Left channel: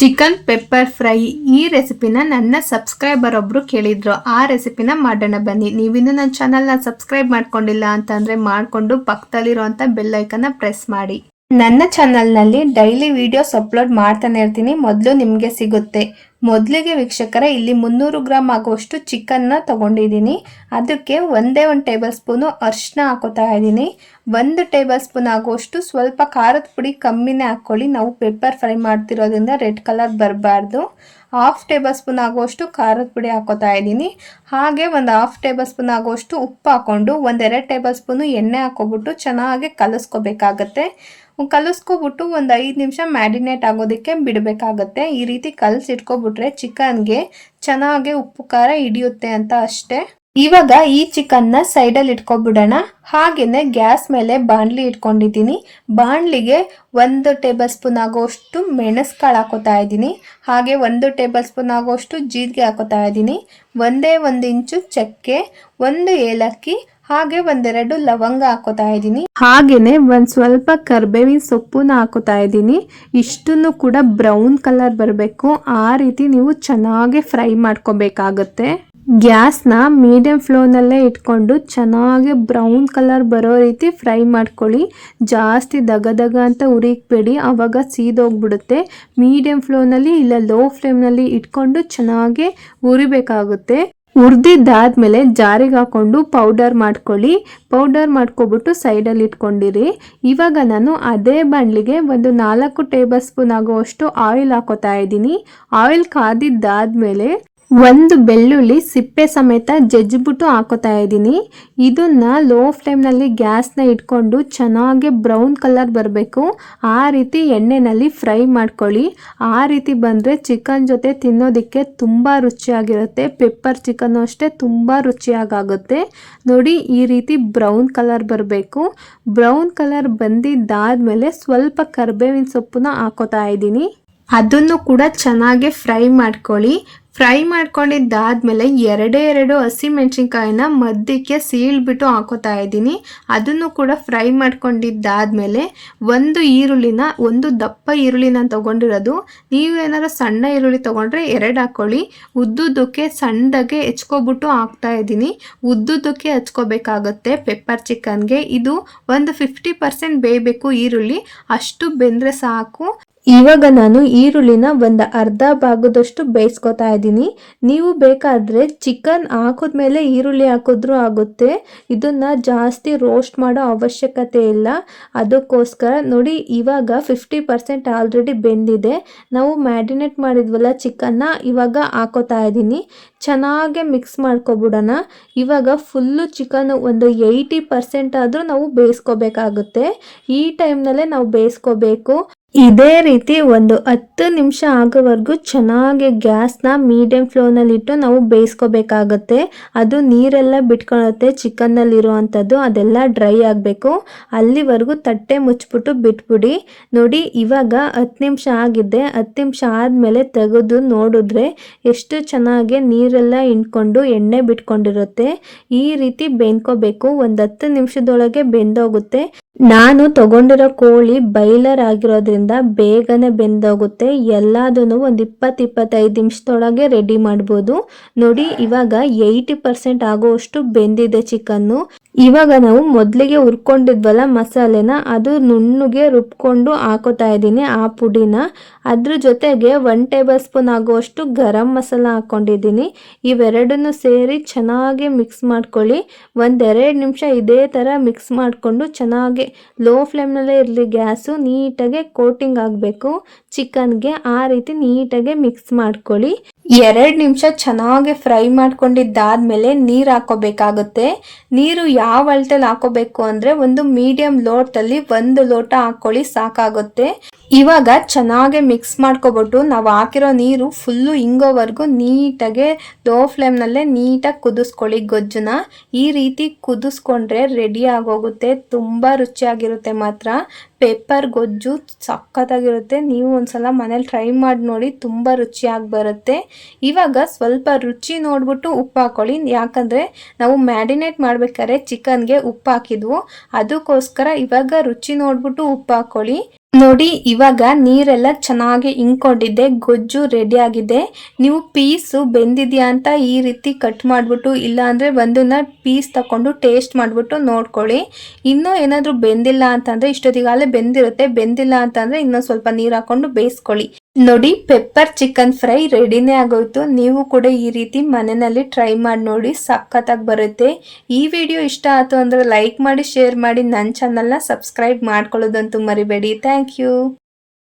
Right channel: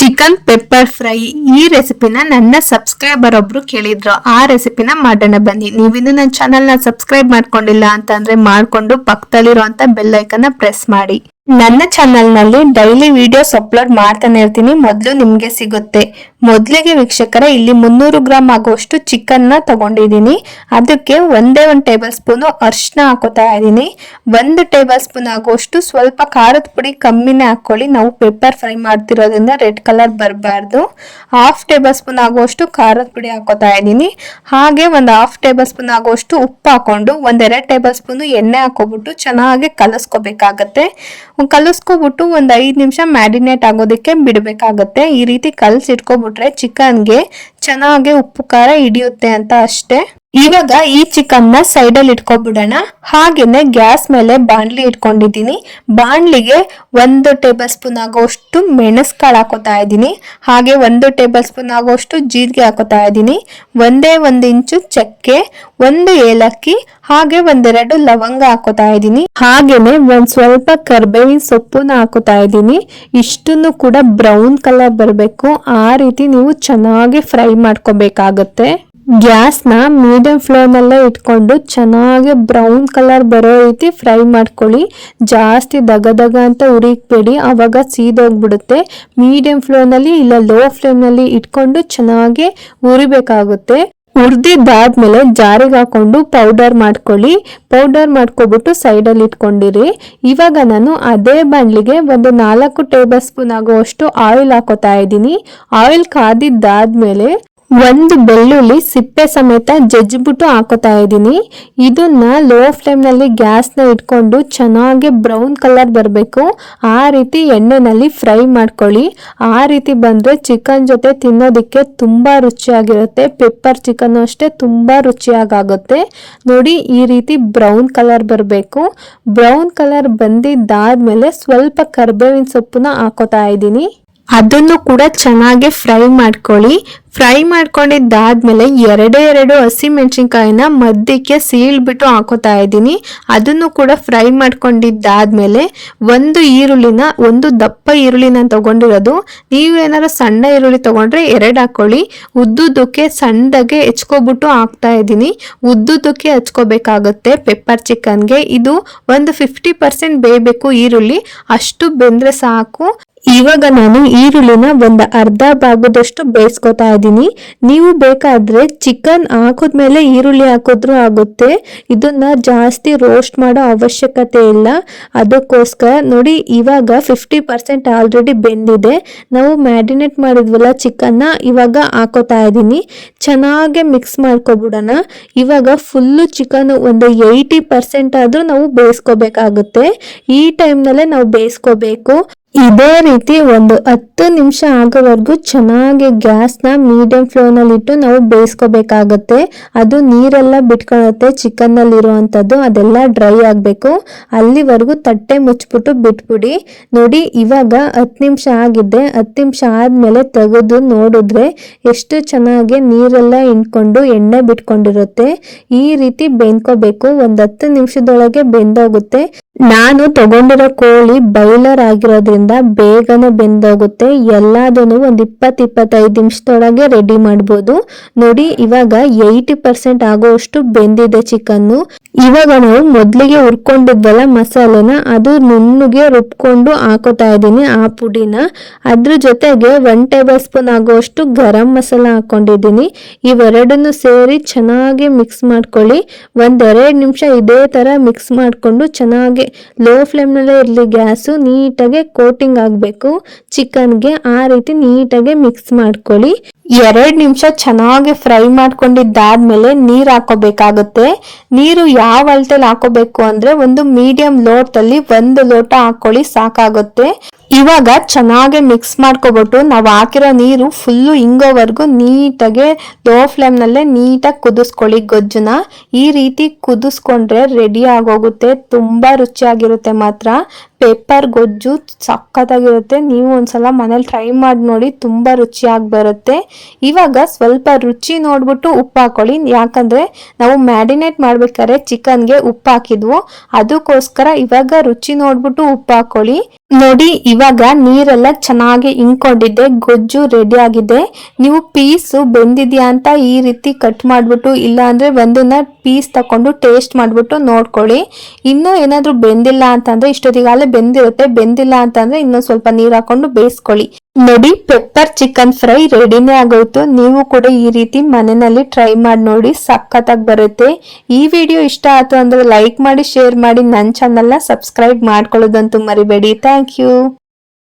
Chicken pepper fry ಈ ರೆಸಿಪಿನ ನನ್ನ ಸಬ್ಸ್ಕ್ರೈಬರ್ ಒಬ್ರು ಕೇಳಿದ್ರು. ಆ ರೆಸಿಪಿನ ಮಾಡೋಣ ಬನ್ನಿ. ನೀವಿನ್ನು ನನ್ನ ಚಾನೆಲ್ ನ ಸಬ್ಸ್ಕ್ರೈಬ್ ಮಾಡ್ಕೊಂಡಿಲ್ಲ ಅಂತಂದ್ರೆ ಮಾಡ್ಕೊಂಡು ಪಕ್ಕದಲ್ಲಿರುವಂತ ಬೆಲ್ ಐಕನ್ ಪ್ರೆಸ್ ಮಾಡಿ. ನನ್ನ ಚಾನೆಲ್ ನಲ್ಲಿ ಡೈಲಿ ವಿಡಿಯೋಸ್ ಅಪ್ಲೋಡ್ ಮಾಡ್ತಾನೆ ಇರ್ತೀನಿ, ಮೊದಲು ನಿಮ್ಗೆ ಸಿಗುತ್ತೆ. ಮೊದಲಿಗೆ ವೀಕ್ಷಕರೇ, ಇಲ್ಲಿ 300 ಗ್ರಾಮ್ ಆಗುವಷ್ಟು ಚಿಕನ್ ನ ತಗೊಂಡಿದ್ದೀನಿ. ಅದಕ್ಕೆ ಒಂದೇ 1 ಟೇಬಲ್ ಸ್ಪೂನ್ ಅರಿಶಿನ ಹಾಕೋತಾ ಇದ್ದೀನಿ. 1 ಟೇಬಲ್ ಸ್ಪೂನ್ ಆಗುವಷ್ಟು ಸ್ವಲ್ಪ ಖಾರದ ಪುಡಿ ಕಮ್ಮಿನೇ ಹಾಕೊಳ್ಳಿ, ನಾವು ಪೆಪ್ಪರ್ ಫ್ರೈ ಮಾಡ್ತಿರೋದ್ರಿಂದ ರೆಡ್ ಕಲರ್ ಬರಬಾರ್ದು. 1/2 ಟೇಬಲ್ ಸ್ಪೂನ್ ಆಗುವಷ್ಟು ಖಾರದ ಪುಡಿ ಹಾಕೋತಾ ಇದ್ದೀನಿ. ಹಾಗೆ 1/2 ಟೇಬಲ್ ಸ್ಪೂನ್ ಆಗುವಷ್ಟು ಉಪ್ಪು ಹಾಕೊಂಡು 1-2 ಟೇಬಲ್ ಸ್ಪೂನ್ ಎಣ್ಣೆ ಹಾಕೋಬಿಟ್ಟು ಚೆನ್ನಾಗಿ ಕಲಸ್ಕೋಬೇಕಾಗತ್ತೆ. ಕಲಸ್ಕೊಬಿಟ್ಟು 5 ನಿಮಿಷ ಮ್ಯಾರಿನೇಟ್ ಆಗೋದಕ್ಕೆ ಬಿಡಬೇಕಾಗತ್ತೆ. ಈ ರೀತಿ ಕಲಸಿಟ್ಕೊಬಿಟ್ರೆ ಚಿಕನ್ಗೆ ಚೆನ್ನಾಗಿ ಉಪ್ಪು ಖಾರ ಹಿಡಿಯುತ್ತೆ ಅಂತ ಅಷ್ಟೇ. ಇವಾಗ ಈ ಚಿಕನ್ ನ ಸೈಡ್ ಅಲ್ಲಿ ಇಟ್ಕೊಬಿಡೋಣ. ಹಾಗೇನೆ ಗ್ಯಾಸ್ ಮೇಲೆ ಬಾಣ್ಲಿ ಇಟ್ಕೊಂಡಿದ್ದೀನಿ. ಬಾಣ್ಲಿಗೆ 1 ಟೇಬಲ್ ಸ್ಪೂನ್ ಆಗೋಷ್ಟು ಮೆಣಸ್ಕಾಳು ಹಾಕೋತಾ ಇದ್ದೀನಿ. ಹಾಗೆ 1 ಟೇಬಲ್ ಸ್ಪೂನ್ ಆಗೋಷ್ಟು ಜೀರಿಗೆ ಹಾಕೋತಾ ಇದ್ದೀನಿ. 1 ಇಂಚು ಚಕ್ಕೆ, 1 ಏಲಕ್ಕಿ, ಹಾಗೆ 1-2 ಲವಂಗ ಹಾಕೋತಾ ಇದ್ದೀನಿ. ಹಾಗೇನೆ ಸ್ವಲ್ಪ ಕರ್ಬೇವಿನ ಸೊಪ್ಪುನ ಹಾಕೋತಾ ಇದ್ದೀನಿ. ಇಷ್ಟನ್ನು ಕೂಡ ಬ್ರೌನ್ ಕಲರ್ ಬರಬೇಕು, ಆ ರೀತಿ ನೀವು ಚೆನ್ನಾಗಿ ಫ್ರೈ ಮಾಡ್ಕೋಬೇಕಾಗತ್ತೆ. ಗ್ಯಾಸ್ನ ಮೀಡಿಯಂ ಫ್ಲೇಮ್ನಲ್ಲೇ ಇಟ್ಕೊಂಡು ಚೆನ್ನಾಗಿ ಬ್ರೌನ್ ಕಲರ್ ಬರೋ ರೀತಿ ಫ್ರೈ ಮಾಡ್ಕೊಳ್ಳಿ. ಜಾಸ್ತಿ ದಗ ಅಂತ ಉರಿಬೇಡಿ, ಆವಾಗ ಸೀದೋಗ್ಬಿಡುತ್ತೆ. ಮೀಡಿಯಂ ಫ್ಲೇಮ್ನಲ್ಲಿ ಇಲ್ಲ ಲೋ ಫ್ಲೇಮ್ನಲ್ಲಿ ಇಟ್ಕೊಂಡು ಚೆನ್ನಾಗಿ ಉರಿಬೇಕಾಗುತ್ತೆ. ಹುರಿದಿದ್ದಾದ್ಮೇಲೆ ಜಾರಿಗೆ ಹಾಕೊಂಡು ಪೌಡರ್ ಮಾಡ್ಕೊಳ್ಳಿ. ಪೌಡರ್ ಮಾಡ್ಕೊಬಿಟ್ಟು ಸೈಡಲ್ಲಿ ಇಟ್ಕೊಂಡಿರಿ. ಇವಾಗ ನಾನು ಅದೇ ಬಾಣಲಿಗೆ 4 ಟೇಬಲ್ ಸ್ಪೂನ್ ಆಗುವಷ್ಟು ಆಯಿಲ್ ಹಾಕೋತಾ ಇದ್ದೀನಿ. ಆಯಿಲ್ ಕಾದಿದ್ದಾದ್ಮೇಲೆ 1 ಬೆಳ್ಳುಳ್ಳಿ ಸಿಪ್ಪೆ ಸಮೇತ ಜಜ್ಜಿಬಿಟ್ಟು ಹಾಕೋತಾ ಇದ್ದೀನಿ. ಇದನ್ನ ಲೋ ಫ್ಲೇಮ್ ನಲ್ಲಿ ಗ್ಯಾಸ್ನ ಇಟ್ಕೊಂಡು ಚೆನ್ನಾಗಿ ಬ್ರೌನ್ ಕಲರ್ ಬರಬೇಕು, ಆ ರೀತಿ ಎಣ್ಣೆನಲ್ಲಿ ಫ್ರೈ ಮಾಡ್ಕೊಳ್ಳಿ. ಆ ರೀತಿ ಬಂದ್ರೆ ಚಿಕನ್ ಜೊತೆ ತಿನ್ನೋದಕ್ಕೆ ತುಂಬಾ ರುಚಿಯಾಗಿರುತ್ತೆ. ಪೆಪ್ಪರ್ ಚಿಕನ್ ಅಷ್ಟೇ ತುಂಬಾ ರುಚಿಯಾಗುತ್ತೆ. ನೋಡಿ, ಈ ರೀತಿ ಬ್ರೌನ್ ಕಲರ್ ಬರಬೇಕು. ಬ್ರೌನ್ ಕಲರ್ ಬಂದಿದ್ದಾದ್ಮೇಲೆ ಸ್ವಲ್ಪ ಕರ್ಬೇವಿನ ಸೊಪ್ಪನ್ನ ಹಾಕೋತಾ ಇದ್ದೀನಿ. ಅದನ್ನು ಕೂಡ ಚೆನ್ನಾಗಿ ಫ್ರೈ ಮಾಡ್ಕೊಳ್ಳಿ. ಫ್ರೈ ಮಾಡ್ಕೊಂಡಿದ್ದಾದ್ಮೇಲೆ 2 ಹಸಿಮೆಣಸಿನ್ಕಾಯಿನ ಮಧ್ಯಕ್ಕೆ ಸೀಳ್ಬಿಟ್ಟು ಹಾಕೋತಾ ಇದ್ದೀನಿ. ಅದನ್ನು ಕೂಡ ಫ್ರೈ ಮಾಡ್ಕೊಂಡಿದ್ದಾದ್ಮೇಲೆ 1 ಈರುಳ್ಳಿನ, 1 ದಪ್ಪ ಈರುಳ್ಳಿನ ತಗೊಂಡಿರೋದು. ನೀವು ಏನಾದ್ರು ಸಣ್ಣ ಈರುಳ್ಳಿ ತಗೊಂಡ್ರೆ 2 ಹಾಕೊಳ್ಳಿ. ಉದ್ದುದಕ್ಕೆ ಸಣ್ಣದಾಗೆ ಹೆಚ್ಕೊಬಿಟ್ಟು ಹಾಕ್ತಾ ಇದ್ದೀನಿ. ಉದ್ದುದಕ್ಕೆ ಹಚ್ಕೋಬೇಕಾಗುತ್ತೆ ಪೆಪ್ಪರ್ ಚಿಕನ್ಗೆ. ಇದು 50% ಬೇಯಬೇಕು ಈರುಳ್ಳಿ, ಅಷ್ಟು ಬೆಂದ್ರೆ ಸಾಕು. ಇವಾಗ ನಾನು ಈರುಳ್ಳಿನ 1/2 ಭಾಗದಷ್ಟು ಬೇಯಿಸ್ಕೊತಾ ಇದ್ದೀನಿ. ನೀವು ಬೇಕಾದ್ರೆ ಚಿಕನ್ ಹಾಕಿದ್ಮೇಲೆ ಈರುಳ್ಳಿ ಹಾಕಿದ್ರೂ ಆಗುತ್ತೆ. ಇದನ್ನ ಜಾಸ್ತಿ ರೋಸ್ಟ್ ಮಾಡೋ ಅವಶ್ಯಕತೆ ಇಲ್ಲ. ಅದಕ್ಕೋಸ್ಕರ ನೋಡಿ, ಇವಾಗ 50% ಆಲ್ರೆಡಿ ಬೆಂದಿದೆ. ನಾವು ಮ್ಯಾರಿನೇಟ್ ಮಾಡಿದ್ವಲ್ಲ ಚಿಕನ್ನ, ಇವಾಗ ಹಾಕೋತಾ ಇದ್ದೀನಿ. ಚೆನ್ನಾಗಿ ಮಿಕ್ಸ್ ಮಾಡ್ಕೊಬಿಡೋಣ. ಇವಾಗ ಫುಲ್ಲು ಚಿಕನ್ 80% ಆದ್ರೂ ನಾವು ಬೇಯಿಸ್ಕೋಬೇಕಾಗುತ್ತೆ. ಈ ಟೈಮ್ನಲ್ಲೇ ನಾವು ಬೇಯಿಸ್ಕೋಬೇಕು. ಇದೇ ರೀತಿ 10 ನಿಮಿಷ ಆಗೋವರೆಗೂ ಚೆನ್ನಾಗಿ ಗ್ಯಾಸ್ನ ಮೀಡಿಯಂ ಫ್ಲೇಮ್ನಲ್ಲಿ ಇಟ್ಟು ನಾವು ಬೇಯಿಸ್ಕೋಬೇಕಾಗತ್ತೆ. ಅದು ನೀರೆಲ್ಲ ಬಿಟ್ಕೊಳ್ಳುತ್ತೆ ಚಿಕನ್ನಲ್ಲಿ ಇರುವಂಥದ್ದು, ಅದೆಲ್ಲ ಡ್ರೈ ಆಗಬೇಕು. ಅಲ್ಲಿವರೆಗೂ ತಟ್ಟೆ ಮುಚ್ಚಿಬಿಟ್ಟು ಬಿಟ್ಬಿಡಿ. ನೋಡಿ, ಇವಾಗ 10 ನಿಮಿಷ ಆಗಿದೆ. 10 ನಿಮಿಷ ಆದಮೇಲೆ ತೆಗೆದು ನೋಡಿದ್ರೆ ಎಷ್ಟು ಚೆನ್ನಾಗಿ ನೀರೆಲ್ಲ ಇಂಡ್ಕೊಂಡು ಎಣ್ಣೆ ಬಿಟ್ಕೊಂಡಿರುತ್ತೆ. ಈ ರೀತಿ ಬೆಂದ್ಕೋಬೇಕು. 10 ನಿಮಿಷದೊಳಗೆ ಬೆಂದೋಗುತ್ತೆ. ನಾನು ತಗೊಂಡಿರೋ ಕೋಳಿ ಬಾಯ್ಲರ್ ಆಗಿರೋದ್ರಿಂದ ಬೇಗನೆ ಬೆಂದೋಗುತ್ತೆ. ಎಲ್ಲದನ್ನು 20-25 ನಿಮಿಷದೊಳಗೆ ರೆಡಿ ಮಾಡ್ಬೋದು. ನೋಡಿ, ಇವಾಗ 80% ಆಗೋಷ್ಟು ಬೆಂದಿದೆ ಚಿಕನ್ನು. ಇವಾಗ ನಾವು ಮೊದಲಿಗೆ ಹುರ್ಕೊಂಡಿದ್ವಲ್ಲ ಮಸಾಲೆನ, ಅದು ನುಣ್ಣಗೆ ರುಬ್ಕೊಂಡು ಹಾಕೋತಾ ಇದ್ದೀನಿ ಆ ಪುಡಿನ. ಅದ್ರ ಜೊತೆಗೆ 1 ಟೇಬಲ್ ಸ್ಪೂನ್ ಆಗುವಷ್ಟು ಗರಂ ಮಸಾಲ ಹಾಕೊಂಡಿದ್ದೀನಿ. ಇವೆರಡನ್ನು ಸೇರಿ ಚೆನ್ನಾಗಿ ಮಿಕ್ಸ್ ಮಾಡ್ಕೊಳ್ಳಿ. 1-2 ನಿಮಿಷ ಇದೇ ತರ ಮಿಕ್ಸ್ ಮಾಡ್ಕೊಂಡು ಚೆನ್ನಾಗಿ ಲೋ ಫ್ಲೇಮ್ನಲ್ಲೇ ಇರಲಿ ಗ್ಯಾಸು, ನೀಟಾಗಿ ಕೋಟಿಂಗ್ ಆಗಬೇಕು ಚಿಕನ್ಗೆ. ಆ ರೀತಿ ನೀಟಾಗಿ ಮಿಕ್ಸ್ ಮಾಡ್ಕೊಳ್ಳಿ. 2 ನಿಮಿಷ ಚೆನ್ನಾಗಿ ಫ್ರೈ ಮಾಡ್ಕೊಂಡಿದ್ದಾದ್ಮೇಲೆ ನೀರು ಹಾಕೋಬೇಕಾಗುತ್ತೆ. ನೀರು ಯಾವ ಅಳತೆಯಲ್ಲಿ ಹಾಕೋಬೇಕು ಅಂದ್ರೆ, ಒಂದು ಮೀಡಿಯಂ ಲೋಟದಲ್ಲಿ 1 ಲೋಟ ಹಾಕೊಳ್ಳಿ, ಸಾಕಾಗುತ್ತೆ. ಇವಾಗ ಚೆನ್ನಾಗಿ ಮಿಕ್ಸ್ ಮಾಡ್ಕೊಬಿಟ್ಟು ನಾವು ಹಾಕಿರೋ ನೀರು ಫುಲ್ಲು ಹಿಂಗೋವರೆಗೂ ನೀಟಾಗಿ ಲೋ ಫ್ಲೇಮ್ನಲ್ಲೇ ನೀಟಾಗಿ ಕುದಿಸ್ಕೊಳ್ಳಿ ಗೊಜ್ಜನ್ನ. ಈ ರೀತಿ ಕುದಿಸ್ಕೊಂಡ್ರೆ ರೆಡಿ ಆಗೋಗುತ್ತೆ. ತುಂಬಾ ರುಚಿಯಾಗಿರುತ್ತೆ ಮಾತ್ರ. ಪೆಪ್ಪರ್ ಗೊಜ್ಜು ಸಖತ್ತಾಗಿರುತ್ತೆ. ನೀವು ಒಂದ್ಸಲ ಮನೇಲಿ ಟ್ರೈ ಮಾಡಿ ನೋಡಿ, ತುಂಬಾ ರುಚಿಯಾಗಿ ಬರುತ್ತೆ. ಇವಾಗ ಸ್ವಲ್ಪ ರುಚಿ ನೋಡ್ಬಿಟ್ಟು ಉಪ್ಪು ಹಾಕೊಳ್ಳಿ, ಯಾಕಂದ್ರೆ ನಾವು ಮ್ಯಾರಿನೇಟ್ ಮಾಡ್ಬೇಕಾದ್ರೆ ಚಿಕನ್ಗೆ ಉಪ್ಪು ಹಾಕಿದ್ವು, ಅದಕ್ಕೋಸ್ಕರ ಇವಾಗ ರುಚಿ ನೋಡ್ಬಿಟ್ಟು ಉಪ್ಪು ಹಾಕೊಳ್ಳಿ. ನೋಡಿ ಇವಾಗ ನೀರೆಲ್ಲ ಚೆನ್ನಾಗಿ ಇಂಕೊಂಡಿದ್ದೆ, ಗೊಜ್ಜು ರೆಡಿ ಆಗಿದೆ. ನೀವು ಪೀಸು ಬೆಂದಿದ್ಯಾ ಅಂತ ಈ ರೀತಿ ಕಟ್ ಮಾಡ್ಬಿಟ್ಟು, ಇಲ್ಲ ಅಂದ್ರೆ ಒಂದನ್ನ ಪೀಸ್ ತಕೊಂಡು ಟೇಸ್ಟ್ ಮಾಡ್ಬಿಟ್ಟು ನೋಡ್ಕೊಳ್ಳಿ. ಇನ್ನೂ ಏನಾದ್ರೂ ಬೆಂದಿಲ್ಲ ಅಂತಂದ್ರೆ ಇಷ್ಟೊತ್ತಿಗಾಲೇ ಬೆಂದಿರುತ್ತೆ, ಬೆಂದಿಲ್ಲ ಅಂತಂದ್ರೆ ಇನ್ನೂ ಸ್ವಲ್ಪ ನೀರ್ ಹಾಕೊಂಡು ಬೇಯಿಸ್ಕೊಳ್ಳಿ. ನೋಡಿ ಪೆಪ್ಪರ್ ಚಿಕನ್ ಫ್ರೈ ರೆಡಿನೇ ಆಗೋಯ್ತು. ನೀವು ಕೂಡ ಈ ರೀತಿ ಮನೆಯಲ್ಲಿ ಟ್ರೈ ಮಾಡಿ ನೋಡಿ, ಸಖತ್ತಾಗಿ ಬರುತ್ತೆ. ಈ ವಿಡಿಯೋ ಇಷ್ಟ ಆಯ್ತು ಅಂದ್ರೆ ಲೈಕ್ ಮಾಡಿ, ಶೇರ್ ಮಾಡಿ, ನನ್ನ ಚಾನಲ್ನ ಸಬ್ಸ್ಕ್ರೈಬ್ ಮಾಡ್ಕೊಳ್ಳೋದಂತೂ ಮರಿಬೇಡಿ. Thank you.